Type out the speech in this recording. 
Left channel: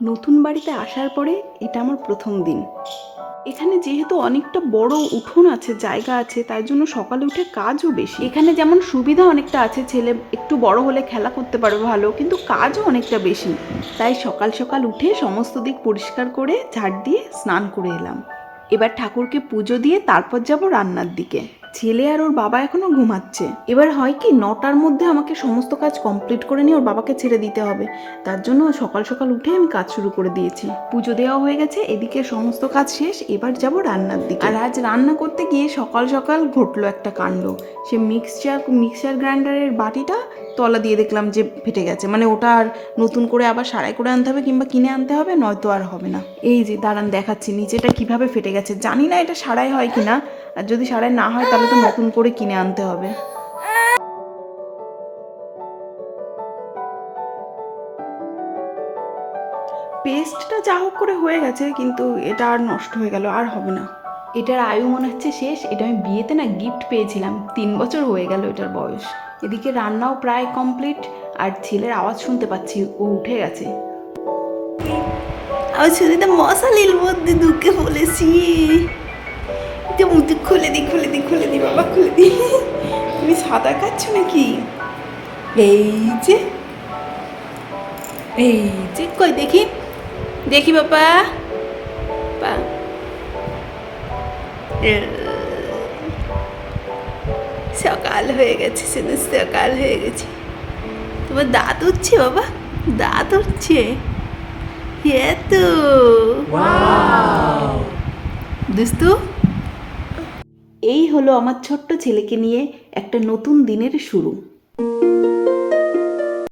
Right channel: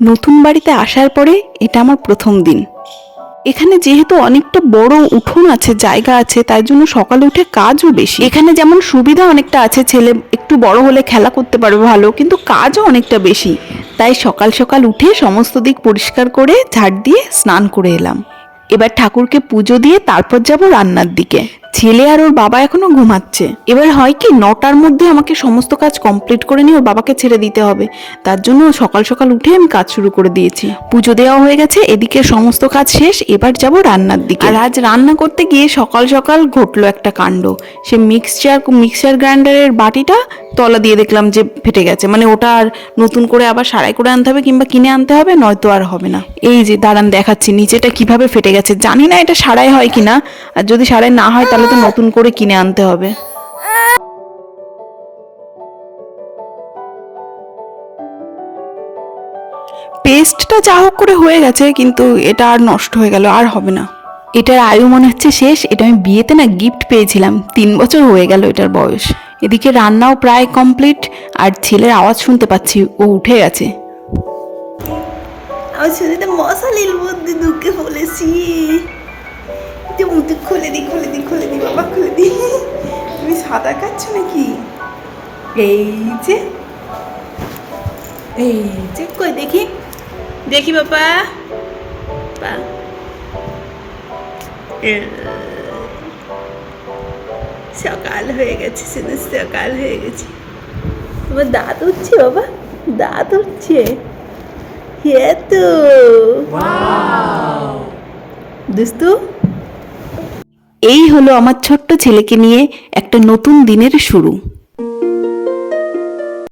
নতুন বাড়িতে আসার পরে এটা আমার প্রথম দিন। এখানে যেহেতু অনেকটা বড় উঠোন আছে, জায়গা আছে, তাই জন্য সকালে উঠে কাজও বেশি। এখানে যেমন সুবিধা অনেকটা আছে, ছেলে একটু বড় হলে খেলা করতে পারবে ভালো, কিন্তু কাজও অনেকটা বেশি। তাই সকাল সকাল উঠে সমস্ত দিক পরিষ্কার করে ঝাড় দিয়ে স্নান করে এলাম। এবার ঠাকুরকে পুজো দিয়ে তারপর যাব রান্নার দিকে। ছেলে আর ওর বাবা এখনো ঘুমাচ্ছে। এবার হয় কি 9টার মধ্যে আমাকে সমস্ত কাজ কমপ্লিট করে নিয়ে ওর বাবাকে ছেড়ে দিতে হবে, তার জন্য সকাল সকাল উঠে আমি কাজ শুরু করে দিয়েছি। পুজো দেওয়া হয়ে গেছে, এদিকে সমস্ত কাজ শেষ, এবার যাব রান্নার দিকে। আর আজ রান্না করতে গিয়ে সকাল সকাল ঘটলো একটা কাণ্ড। সে মিক্সচার গ্রাইন্ডারের বাটিটা তলা দিয়ে দেখলাম যে ফেটে গেছে। মানে ওটা আর নতুন করে আবার সারাই করে আনতে হবে কিংবা কিনে আনতে হবে, নয়তো আর হবে না। এই যে দাঁড়ান দেখাচ্ছি নিচেটা কিভাবে ফেটে গেছে। জানি না এটা সারাই হয় কিনা, আর যদি সারাই না হয় তাহলে তো নতুন করে কিনে আনতে হবে। পেস্টটা যা হোক করে হয়ে গেছে, কিন্তু এটা আর নষ্ট হয়ে গেল, আর হবে না। এটার আয়ু মনে হচ্ছে শেষ। এটা আমি বিয়েতে না গিফট পেয়েছিলাম, 3 বছর হয়ে গেল এটার বয়স। এদিকে রান্নাও প্রায় কমপ্লিট, আর ছেলের আওয়াজ শুনতে পাচ্ছি, ও উঠে গেছে। আমার ছেলেটা মশালির মধ্যে ঢুকে পড়েছি। খুলে দি বাবা, খুলে দি। তুমি সাঁতার কাটছো নাকি? এই যে কই দেখি দেখি বাবা। সকাল হয়ে গেছে, সকাল হয়ে গেছে। তোমার দাঁত উঠছে বাবা, দাঁত উঠছে। তো দুস্তু, এই হলো আমার ছোট্ট ছেলেকে নিয়ে একটা নতুন দিনের শুরু।